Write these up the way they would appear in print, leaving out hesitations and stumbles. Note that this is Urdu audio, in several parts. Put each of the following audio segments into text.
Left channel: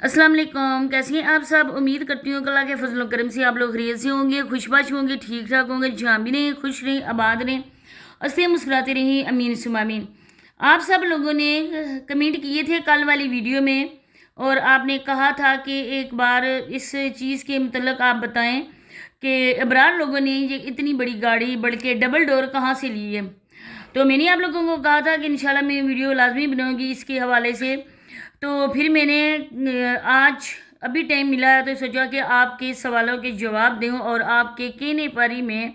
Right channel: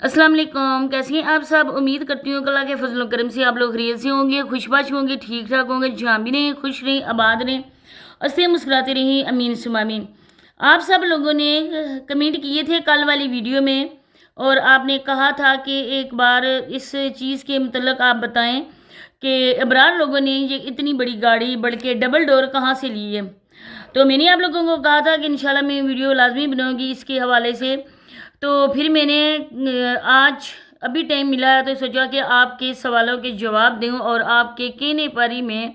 السلام علیکم، کیسی ہیں آپ سب؟ امید کرتی ہوں کہ اللہ کے فضل و کرم سے آپ لوگ خیریت سے ہوں گے، خوش باش ہوں گے، ٹھیک ٹھاک ہوں گے، جہاں بھی رہیں خوش رہیں، آباد رہیں، ہنستے مسکراتے رہیں، امین ثم آمین۔ آپ سب لوگوں نے کمنٹ کیے تھے کل والی ویڈیو میں، اور آپ نے کہا تھا کہ ایک بار اس چیز کے متعلق آپ بتائیں کہ ابرار لوگوں نے یہ اتنی بڑی گاڑی بلکہ ڈبل ڈور کہاں سے لی ہے۔ تو میں نے آپ لوگوں کو کہا تھا کہ انشاءاللہ میں ویڈیو لازمی بناؤں گی اس کے حوالے سے، تو پھر میں نے آج ابھی ٹائم ملا ہے تو سوچا کہ آپ کے سوالوں کے جواب دوں، اور آپ کے کہنے پر ہی میں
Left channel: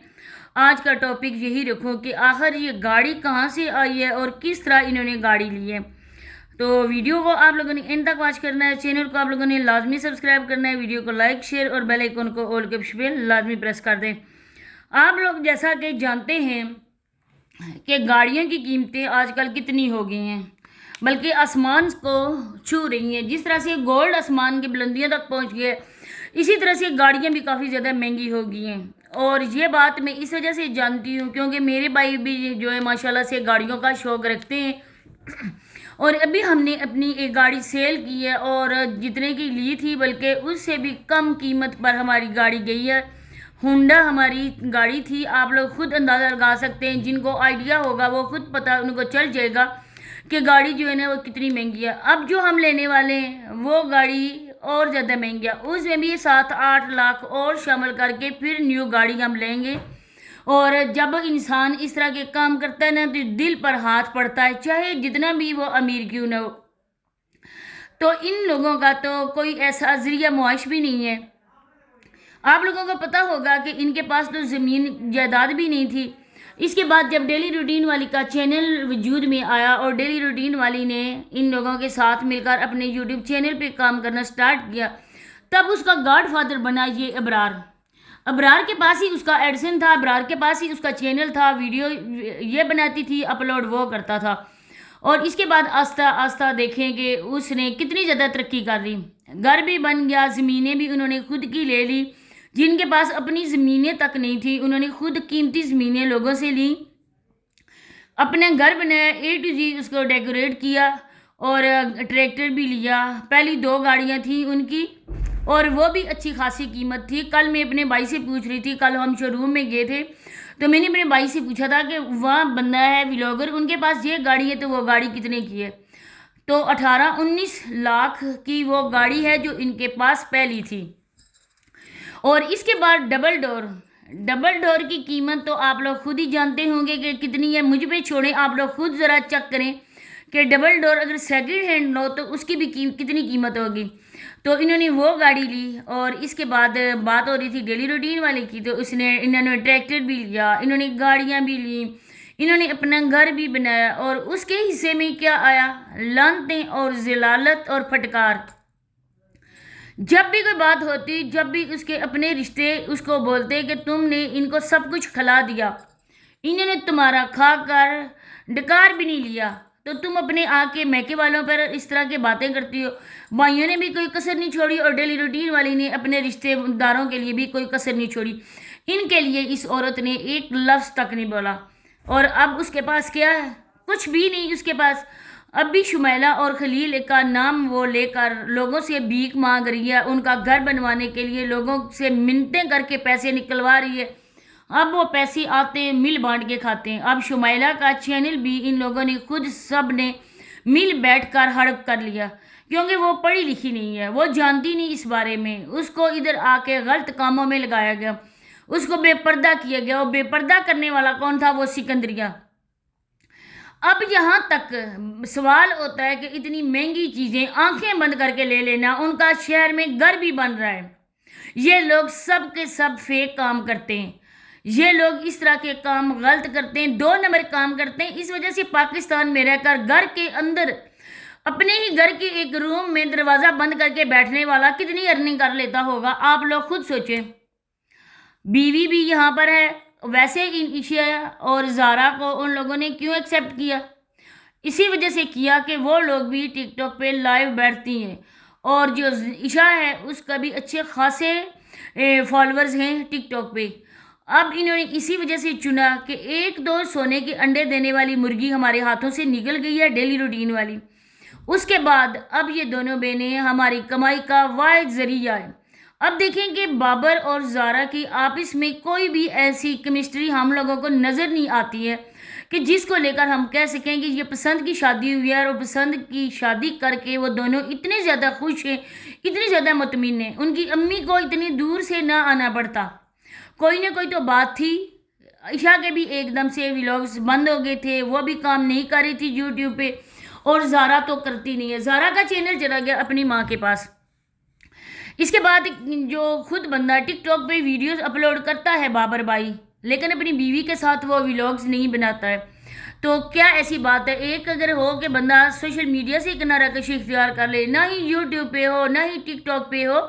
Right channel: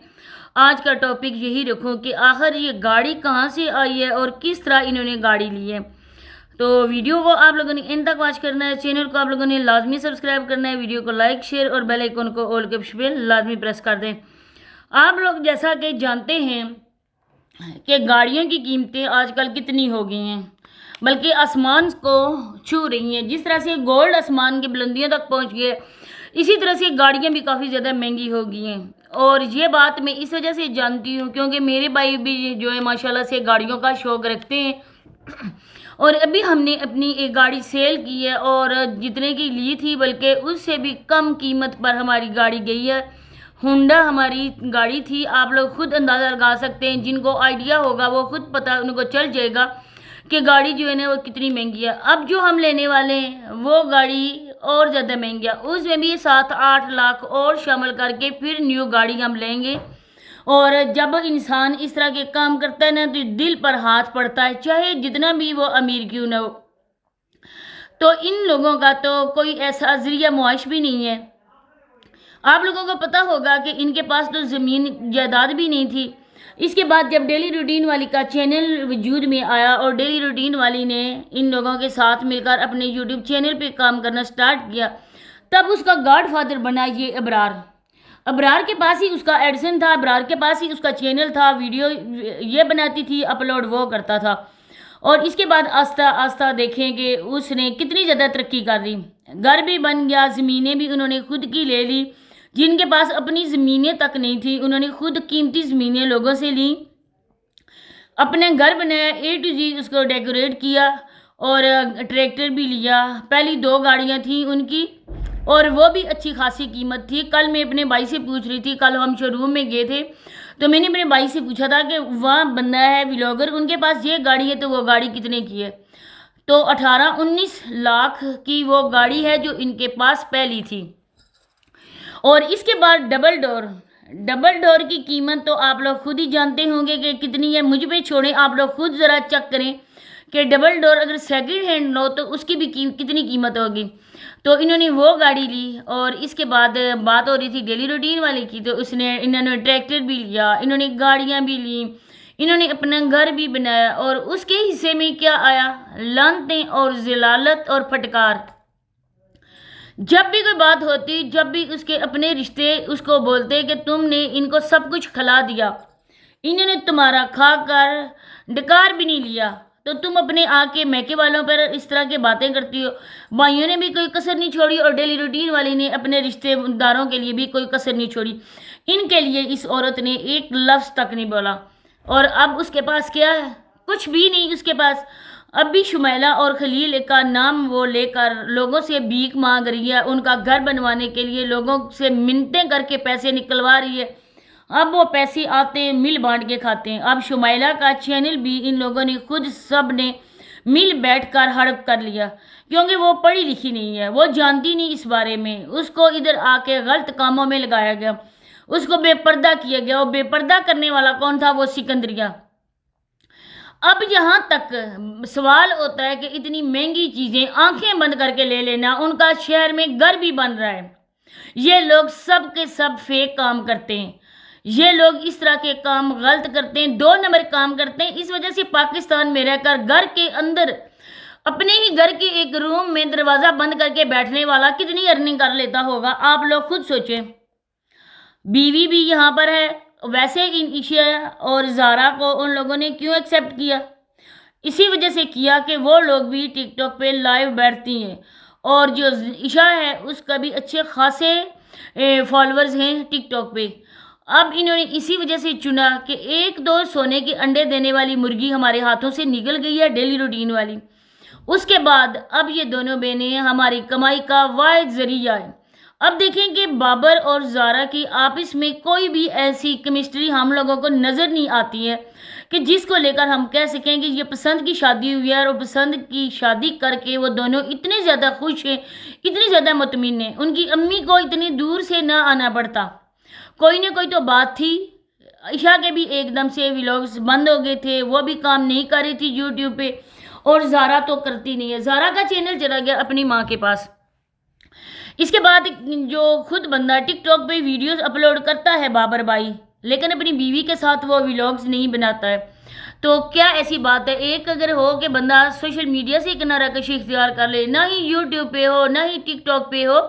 آج کا ٹاپک یہی رکھوں کہ آخر یہ گاڑی کہاں سے آئی ہے اور کس طرح انہوں نے گاڑی لی ہے۔ تو ویڈیو کو آپ لوگوں نے اینڈ تک واچ کرنا ہے، چینل کو آپ لوگوں نے لازمی سبسکرائب کرنا ہے، ویڈیو کو لائک شیئر اور بیل آئیکن کو آل کے آپشن پہ لازمی پریس کر دیں۔ آپ لوگ جیسا کہ جانتے ہیں کہ گاڑیوں کی قیمتیں آج کل کتنی ہو گئی ہیں، بلکہ آسمان کو چھو رہی ہیں۔ جس طرح سے گولڈ آسمان کی بلندیوں تک پہنچ گئے، اسی طرح سے گاڑیاں بھی کافی زیادہ مہنگی ہو گئی ہیں، اور یہ بات میں اس وجہ سے جانتی ہوں کیونکہ میرے بھائی بھی جو ہے ماشاءاللہ سے گاڑیوں کا شوق رکھتے ہیں، اور ابھی ہم نے اپنی ایک گاڑی سیل کی ہے، اور جتنے کی لی تھی بلکہ اس سے بھی کم قیمت پر ہماری گاڑی گئی ہے۔ ہونڈا ہماری گاڑی تھی، آپ لوگ خود اندازہ لگا سکتے ہیں، جن کو آئیڈیا ہوگا وہ خود پتہ ان کو چل جائے گا کہ گاڑی جو ہے نا وہ کتنی مہنگی ہے۔ اب جو ہم لینے والے ہیں وہ گاڑی اور زیادہ مہنگی ہے، اس میں بھی 7-8 لاکھ اور شامل کر کے پھر نیو گاڑی ہم لیں گے۔ اور جب انسان اس طرح کے کام کرتا ہے نا تو دل پر ہاتھ پڑتا ہے، چاہے جتنا بھی وہ امیر کیوں نہ ہو۔ تو ان لوگوں کا تو کوئی ایسا ذریعہ معاش بھی نہیں ہے۔ آپ لوگوں کو پتہ ہوگا کہ ان کے پاس تو زمین جائیداد بھی نہیں تھی۔ اس کے بعد جب ڈیلی روٹین والی کا چینل وجود میں آیا اور ڈیلی روٹین والی نے ان لوگوں کے ساتھ مل کر اپنے یوٹیوب چینل پہ کام کرنا سٹارٹ کیا، تب اس کا گاڈ فادر بنا یہ ابرار۔ ابرار کے پاس ہی اس کا ایڈسن تھا، ابرار کے پاس ہی اس کا چینل تھا، ویڈیو یہ بناتی تھی، اپلوڈ وہ کرتا تھا، اور اس کے بعد آہستہ آہستہ دیکھیں کہ اس نے کتنی زیادہ ترقی کر لی۔ گھر بھی بن گیا، زمینیں بھی انہوں نے خود کی لے لی، جن کے پاس اپنی زمینیں تک نہیں تھی انہوں نے خود قیمتی زمینیں لوگوں سے لیں، اپنے گھر بنایا، A to Z اس کو ڈیکوریٹ کیا، اور ٹریکٹر بھی لیا۔ پہلی 2 گاڑیاں تھیں ان کی، اور وہ بھی اچھی خاصی قیمت تھی۔ کل میں اپنے بھائی سے پوچھ رہی تھی، کل ہم شو روم میں گئے تھے تو میں نے اپنے بھائی سے پوچھا تھا کہ وہاں بندہ ہے ولاگر، ان کے پاس یہ گاڑی ہے تو وہ گاڑی کتنے کی ہے؟ تو 18-19 لاکھ کی وہ گاڑی ہے جو ان کے پاس پہلی تھی۔ اور اس کے بعد ڈبل ڈور کی قیمت تو آپ لوگ خود ہی جانتے ہوں گے کہ کتنی ہے، مجھ پہ چھوڑیں، آپ لوگ خود ذرا چیک کریں کہ ڈبل ڈور اگر سیکنڈ ہینڈ لو تو اس کی بھی کتنی قیمت ہوگی۔ تو انہوں نے وہ گاڑی لی، اور اس کے بعد بات ہو رہی تھی ڈیلی روٹین والے کی، تو انہوں نے ٹریکٹر بھی لیا، انہوں نے گاڑیاں بھی لیں، انہوں نے اپنا گھر بھی بنایا، اور اس کے حصے میں کیا آیا؟ لعنتیں اور ذلالت اور پھٹکار۔ جب بھی کوئی بات ہوتی، جب بھی اس کے اپنے رشتے اس کو بولتے کہ تم نے ان کو سب کچھ کھلا دیا، انہوں نے تمہارا کھا کر ڈکار بھی نہیں لیا، تو تم اپنے آ کے میکے والوں پر اس طرح کی باتیں کرتی ہو۔ بھائیوں نے بھی کوئی کسر نہیں چھوڑی، اور ڈیلی روٹین والی نے اپنے رشتے داروں کے لیے بھی کوئی کسر نہیں چھوڑی۔ ان کے لیے اس عورت نے ایک لفظ تک نہیں بولا، اور اب اس کے پاس کیا ہے؟ کچھ بھی نہیں اس کے پاس۔ اب بھی شمیلہ اور خلیل کا نام وہ لے کر لوگوں سے بھیک مانگ رہی ہے، ان کا گھر بنوانے کے لیے لوگوں سے منتیں کر کے پیسے نکلوا رہی ہے۔ اب وہ پیسے آتے ہیں، مل بانٹ کے کھاتے ہیں۔ اب شمیلہ کا چینل بھی ان لوگوں نے خود سب نے مل بیٹھ کر ہڑپ کر لیا، کیونکہ وہ پڑھی لکھی نہیں ہے، وہ جانتی نہیں اس بارے میں، اس کو ادھر آ کے غلط کاموں میں لگایا گیا، اس کو بے پردہ کیا گیا۔ وہ بے پردہ کرنے والا کون تھا؟ وہ سکندریہ۔ اب یہاں تک سوال ہوتا ہے کہ اتنی مہنگی چیزیں آنکھیں بند کر کے لے لینا، ان کا شہر میں گھر بھی بن رہا ہے۔ یہ لوگ سب کے سب فیک کام کرتے ہیں، یہ لوگ اس طرح کے کام غلط کرتے ہیں، 2 نمبر کام کرتے ہیں۔ اس وجہ سے پاکستان میں رہ کر گھر کے اندر اپنے ہی گھر کے ایک روم میں دروازہ بند کر کے بیٹھنے والا کتنی ارننگ کر لیتا ہوگا، آپ لوگ خود سوچیں۔ بیوی بھی یہاں پر ہے، ویسے ان عشا اور زارا کو ان لوگوں نے کیوں ایکسیپٹ کیا؟ اسی وجہ سے کیا کہ وہ لوگ بھی ٹک ٹاک پہ لائیو بیٹھتی ہیں، اور جو عشا ہے اس کا بھی اچھے خاصے فالورز ہیں ٹک ٹاک پہ۔ اب انہوں نے اسی وجہ سے چنا کہ 1-2 سونے کے انڈے دینے والی مرغی ہمارے ہاتھوں سے نکل گئی ہے ڈیلی روٹین والی، اس کے بعد اب یہ دونوں بہنیں ہماری کمائی کا واحد ذریعہ ہے۔ اب دیکھیں کہ بابر اور زارا کی آپس میں کوئی بھی ایسی کیمسٹری ہم لوگوں کو نظر نہیں آتی ہے کہ جس کو لے کر ہم کہہ سکیں کہ یہ پسند کی شادی ہوئی ہے، اور پسند کی شادی کر کے وہ دونوں اتنے زیادہ خوش ہیں، اتنے زیادہ مطمئن ہیں، ان کی امی کو اتنی دور سے نہ آنا پڑتا۔ کوئی نہ کوئی تو بات تھی۔ عشاء کے بھی ایک دم سے ولاگز بند ہو گئے تھے، وہ بھی کام نہیں کر رہی تھی یوٹیوب پہ، اور زارا تو کرتی نہیں ہے، زارا کا چینل چلا گیا اپنی ماں کے پاس۔ اس کے بعد جو خود بندہ ٹک ٹاک پہ ویڈیوز اپلوڈ کرتا ہے بابر بھائی، لیکن اپنی بیوی کے ساتھ وہ ولاگز نہیں بناتا ہے، تو کیا ایسی بات ہے؟ ایک اگر ہو کہ بندہ سوشل میڈیا سے کنارہ کشی اختیار کر لے، نہ ہی یوٹیوب پہ ہو نہ ہی ٹک ٹاک پہ ہو،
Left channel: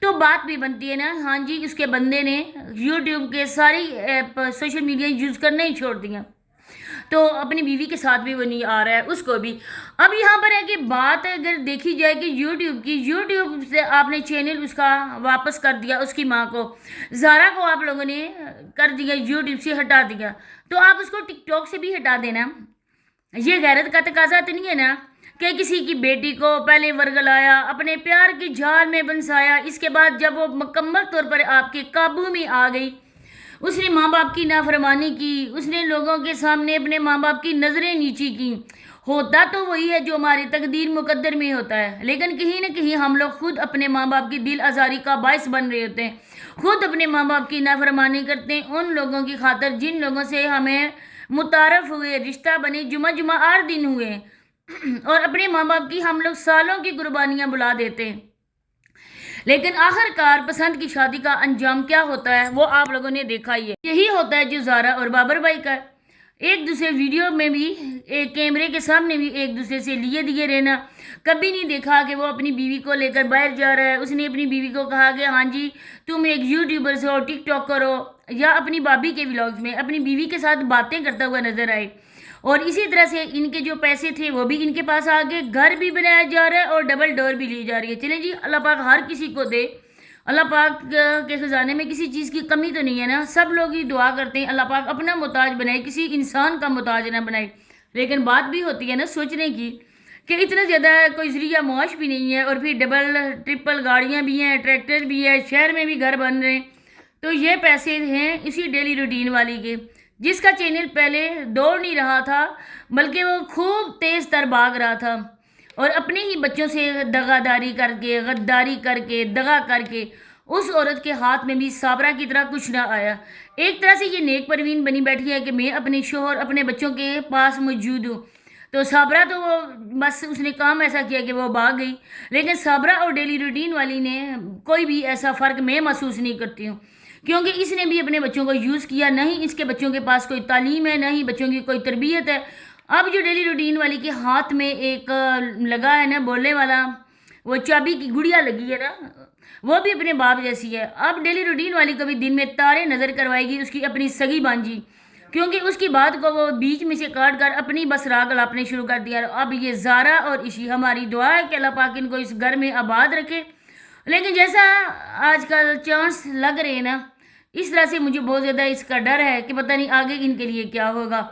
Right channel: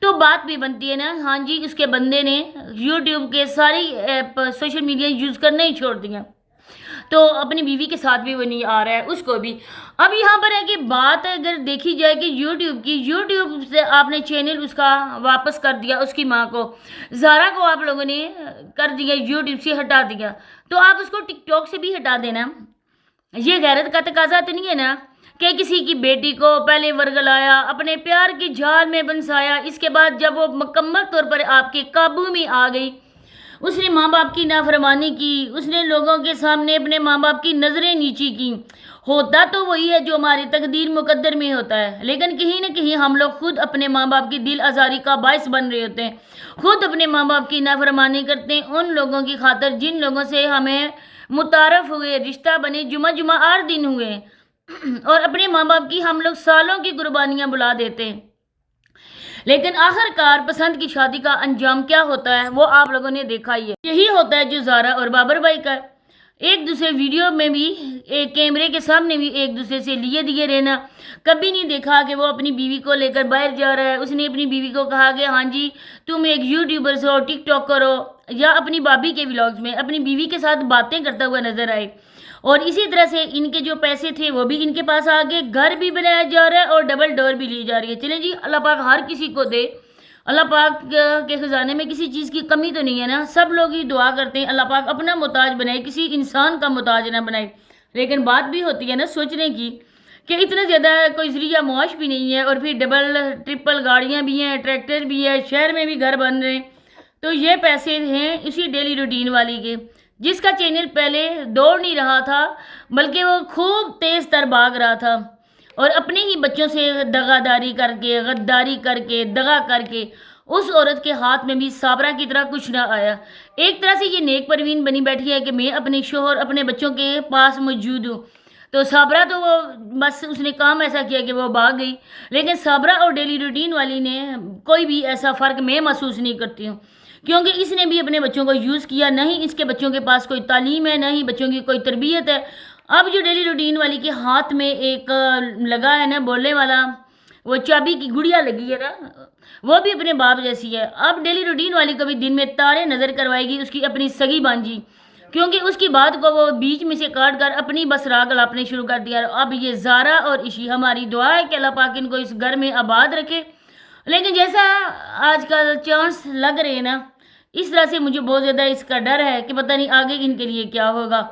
تو بات بھی بنتی ہے نا، ہاں جی اس کے بندے نے یوٹیوب کے ساری ایپ سوشل میڈیا یوز کرنا ہی چھوڑ دیا، تو اپنی بیوی کے ساتھ بھی وہ نہیں آ رہا ہے، اس کو بھی۔ اب یہاں پر ہے کہ بات اگر دیکھی جائے کہ یوٹیوب سے آپ نے چینل اس کا واپس کر دیا اس کی ماں کو، زارا کو آپ لوگوں نے کر دیا یوٹیوب سے ہٹا دیا، تو آپ اس کو ٹک ٹاک سے بھی ہٹا دینا۔ یہ غیرت کا تقاضا تو نہیں ہے نا کہ کسی کی بیٹی کو پہلے ورگلایا، اپنے پیار کی جال میں بنسایا، اس کے بعد جب وہ مکمل طور پر آپ کے قابو میں آ گئی، اس نے ماں باپ کی نافرمانی کی، اس نے لوگوں کے سامنے اپنے ماں باپ کی نظریں نیچی کی۔ ہوتا تو وہی ہے جو ہماری تقدیر مقدر میں ہوتا ہے، لیکن کہیں نہ کہیں ہم لوگ خود اپنے ماں باپ کی دل آزاری کا باعث بن رہے ہوتے ہیں، خود اپنے ماں باپ کی نافرمانی کرتے ہیں ان لوگوں کی خاطر جن لوگوں سے ہمیں متعارف ہوئے، رشتہ بنے، جمعہ 8 دن ہوئے، اور اپنے ماں باپ کی ہم لوگ سالوں کی قربانیاں بلا دیتے ہیں۔ لیکن آخر کار پسند کی شادی کا انجام کیا ہوتا ہے وہ آپ لوگوں نے دیکھا ہی ہے، یہی ہوتا ہے جو زارا اور بابر بھائی کا ہے۔ ایک دوسرے ویڈیو میں بھی، ایک کیمرے کے سامنے بھی ایک دوسرے سے لیے دیے رہنا، کبھی نہیں دیکھا کہ وہ اپنی بیوی کو لے کر باہر جا رہا ہے۔ اس نے اپنی بیوی کو کہا کہ ہاں جی تم ایک یوٹیوبر ہو، ٹک ٹاک کرو، یا اپنی بھابھی کے ولاگز میں اپنی بیوی کے ساتھ باتیں کرتا ہوا نظر آئے۔ اور اسی طرح سے ان کے جو پیسے تھے وہ بھی ان کے پاس آگے، گھر بھی بنایا جا رہا ہے اور ڈبل ڈور بھی لی جا رہی ہے۔ چلیں جی، اللہ پاک ہر کسی کو دے، اللہ پاک کے خزانے میں کسی چیز کی کمی تو نہیں ہے نا، سب لوگ ہی دعا کرتے ہیں اللہ پاک اپنا محتاج بنائے، کسی انسان کا محتاج نہ بنائے۔ لیکن بات بھی ہوتی ہے نا سوچنے کی کہ اتنا زیادہ کوئی ذریعہ معاش بھی نہیں ہے، اور پھر ڈبل ٹرپل گاڑیاں بھی ہیں، ٹریکٹر بھی ہے، شہر میں بھی گھر بن رہے ہیں، تو یہ پیسے ہیں اسی ڈیلی روٹین والی کے، جس کا چینل پہلے دوڑ نہیں رہا تھا بلکہ وہ خوب تیز تر بھاگ رہا تھا، اور اپنے ہی بچوں سے دغاداری کر کے، غداری کر کے، دغا کر کے اس عورت کے ہاتھ میں بھی صابرہ کی طرح کچھ نہ آیا۔ ایک طرح سے یہ نیک پروین بنی بیٹھی ہے کہ میں اپنے شوہر اپنے بچوں کے پاس موجود ہوں، تو صابرہ تو وہ بس اس نے کام ایسا کیا کہ وہ بھاگ گئی، لیکن صابرہ اور ڈیلی روٹین والی نے کوئی بھی ایسا فرق میں محسوس نہیں کرتی ہوں، کیونکہ اس نے بھی اپنے بچوں کو یوز کیا، نہ ہی اس کے بچوں کے پاس کوئی تعلیم ہے، نہ ہی بچوں کی کوئی تربیت ہے۔ اب جو ڈیلی روٹین والی کے ہاتھ میں ایک لگا ہے نا بولنے والا، وہ چابی کی گڑیا لگی ہے نا، وہ بھی اپنے باپ جیسی ہے۔ اب ڈیلی روٹین والی کو بھی دن میں تارے نظر کروائے گی اس کی اپنی سگی بانجی، کیونکہ اس کی بات کو وہ بیچ میں سے کاٹ کر اپنی بس راگ لاپنے شروع کر دیا۔ اب یہ زارا اور عشی، ہماری دعا ہے کہ اللہ پاک ان کو اس گھر میں آباد رکھے، لیکن جیسا آج کل چانس لگ رہے ہیں نا، اس طرح سے مجھے بہت زیادہ اس کا ڈر ہے کہ پتہ نہیں آگے ان کے لیے کیا ہوگا۔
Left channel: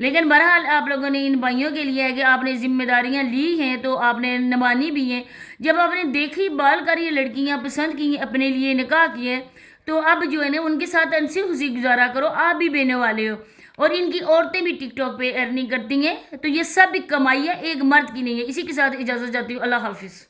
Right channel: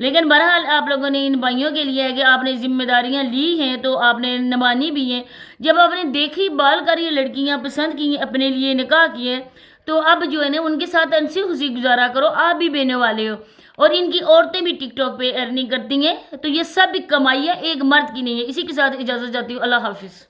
لیکن بہرحال آپ لوگوں نے ان بھائیوں کے لیے ہے کہ آپ نے ذمہ داریاں لی ہیں تو آپ نے نبھانی بھی ہیں۔ جب آپ نے دیکھی بال کر یہ لڑکیاں پسند کی، اپنے لیے نکاح کیے، تو اب جو ہے نا ان کے ساتھ ہنسی خوشی گزارا کرو، آپ بھی بہنے والے ہو، اور ان کی عورتیں بھی ٹک ٹاک پہ ارننگ کرتی ہیں، تو یہ سب کمائی ہے، ایک مرد کی نہیں ہے۔ اسی کے ساتھ اجازت چاہتی ہوں، اللہ حافظ۔